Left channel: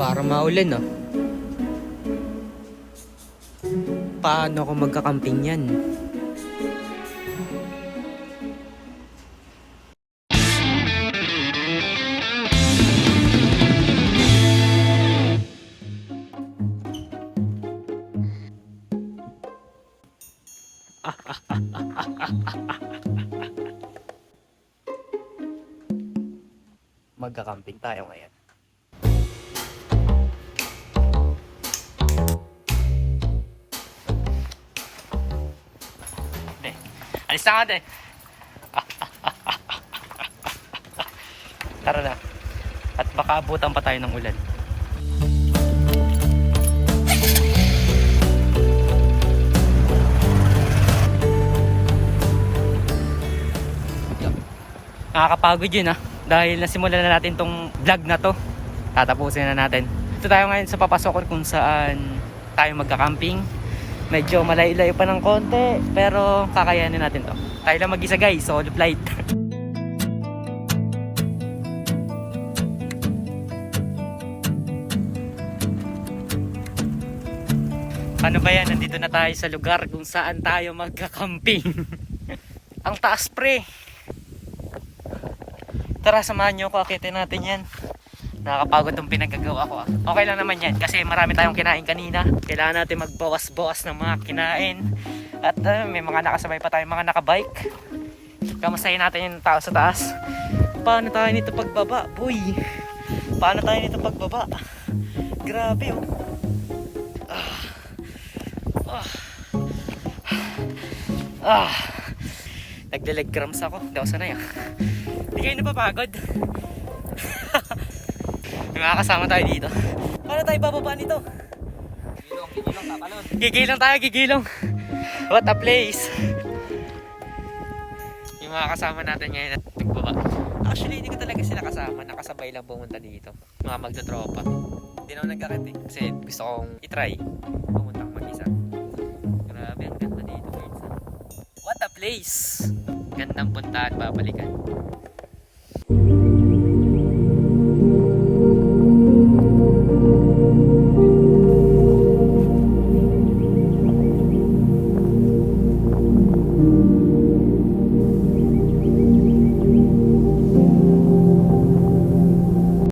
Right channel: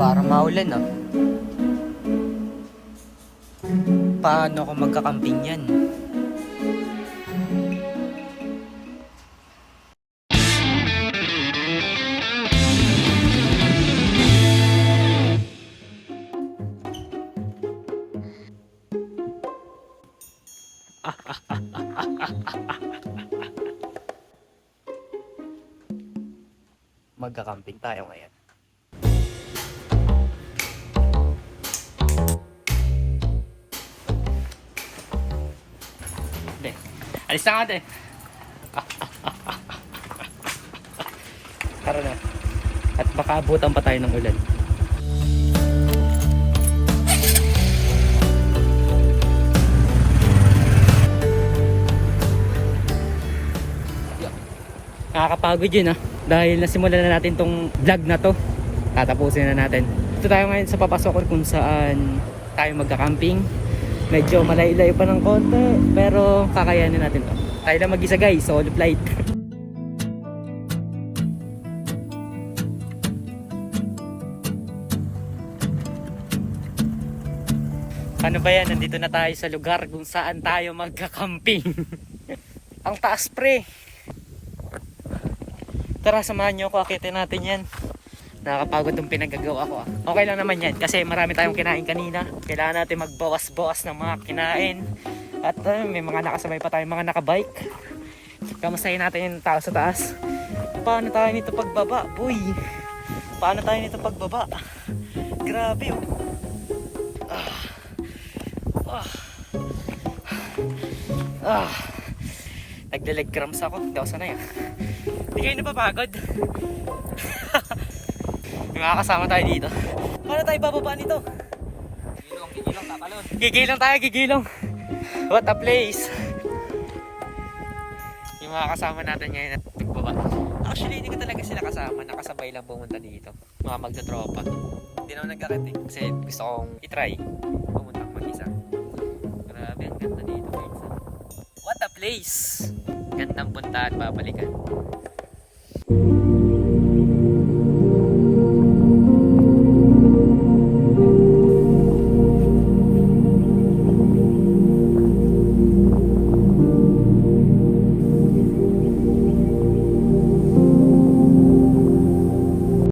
Para maulan ah. Paano ako magkakamping yan? Magkakamping tayo ngayon. Hindi. Alis na natin. Tara na. At baka abutan pa tayo ng ulan. Nakakapagod yun dahil nasimulan na natin tong vlog na to. Tatapusin na natin. Ito tayo ngayon sa papasok kung saan tayo magka-camping. Medyo malayo-layo pa ng konti pero kakayanin natin to. Tayo lang mag-isa guys, solo flight. Ano ba yan? Nandito na tayo sa lugar kung saan tayo magka-camping. Ang taas pre. Tara, samahan nyo ako, akitin natin yan. Nakakapagod itong pinagagawa ko Okay lang naman yan kasi marami tayong kinain kanina. Kailangan natin magbawas-bawas ng mga kinain. At may mga nakasabay pa tayong mga nakabike. Kamustahin natin yung tao sa taas. Paano tayo nito pagbaba? Boy, paano tayo nito pagbaba? Grabe Nagdalag cramps ako. Daw sanay Hindi kayo napapagod. May mga kasama tayo dito. Paano tayo bababa nito? Gigilong, tatalon. Gigilong. What a place. Yung mga kasama natin ngayon at pagbaba. Actually, hindi ko talaga sila kasama. Nakasabay lang pumunta dito. Mga magtatropa. Hindi naman nagkakating. Kasi gusto kong itry. Pumunta ko mag-isa. Grabe, ang ganda dito. What a place. Gandang punta at babalikan.